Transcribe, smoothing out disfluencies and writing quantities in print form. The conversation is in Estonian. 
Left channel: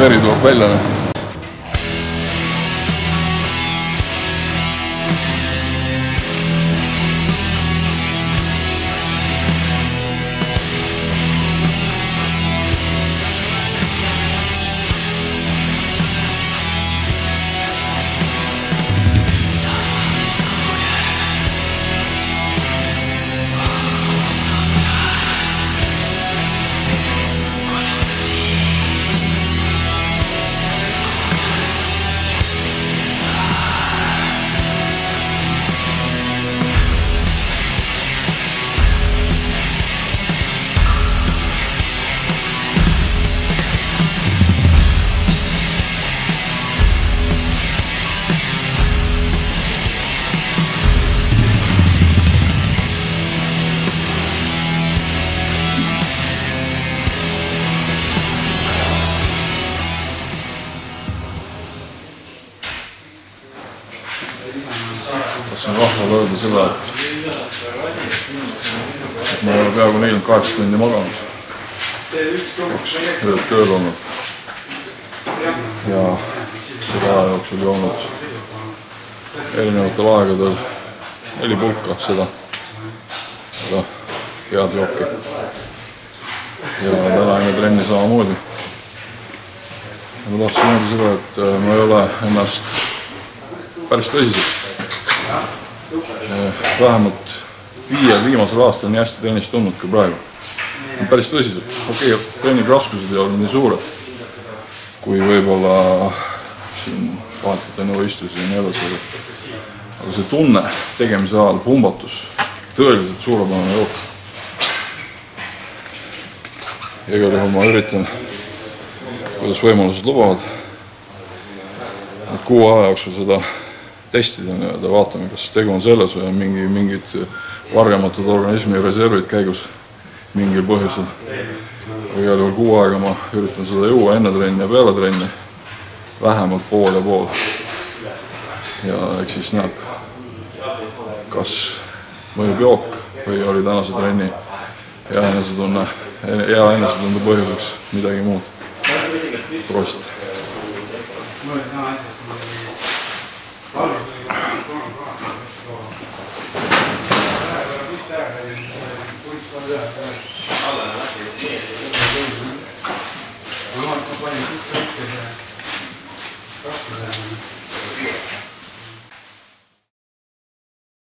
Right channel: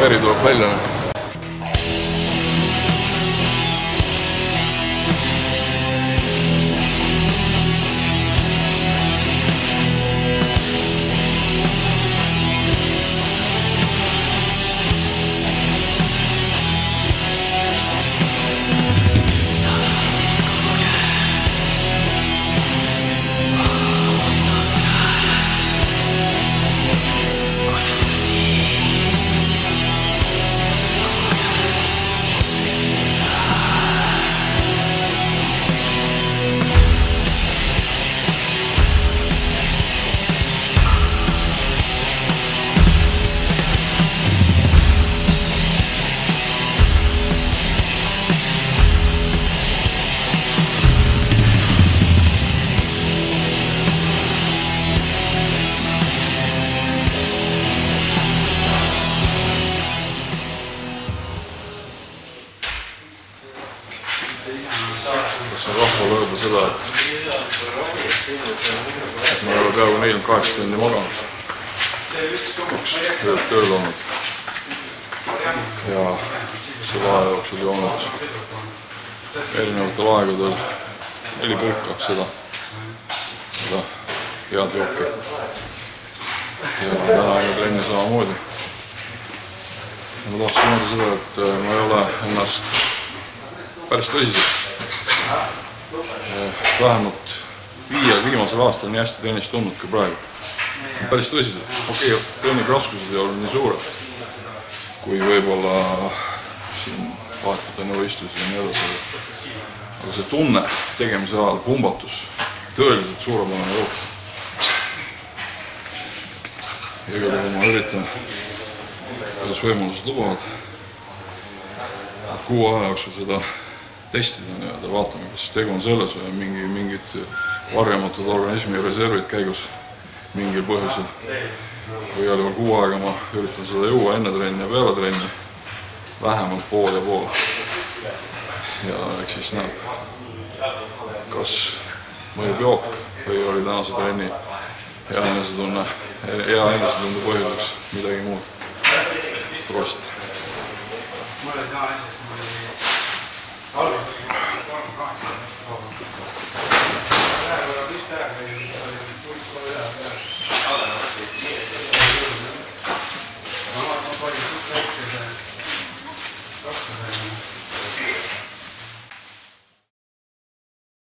veri tuleb välja. Kas on rahval öelda seda, et ma ei ole peaaegu 48 tundi maganud, 2 ööd tööl olnud ja selle aja jooksul joonud erinevatel aegadel 4 pulka seda head jooki ja täna enne trenni samamoodi. Ja ma tahtsin öelda seda, et ma ei ole ennast päris tõsiselt. Vähemalt 5 viimasel aastal nii hästi trennist tundnud kui praegu. Päris tõsiselt. Okei, treening raskused ei olnud nii suured, kui võib-olla siin vahetult enne võistlusi ja nii edasi. Aga see tunne tegemise ajal, pumbatus, tõeliselt suurepärane jook. Igal juhul ma üritan, kuidas võimalused lubavad, et 6 aja jooksul seda testida ja vaatame, kas tegu on selles või mingid varjamatud organismi reservid käigus mingil põhjusel. Igal juhul 6 aega ma üritan seda juua enne trenni ja peale trenni, vähemalt pool ja pool. Ja eks siis näeb, kas mõjub jook või oli tänase trenni hea enesetunde põhjuseks midagi muud. Prost!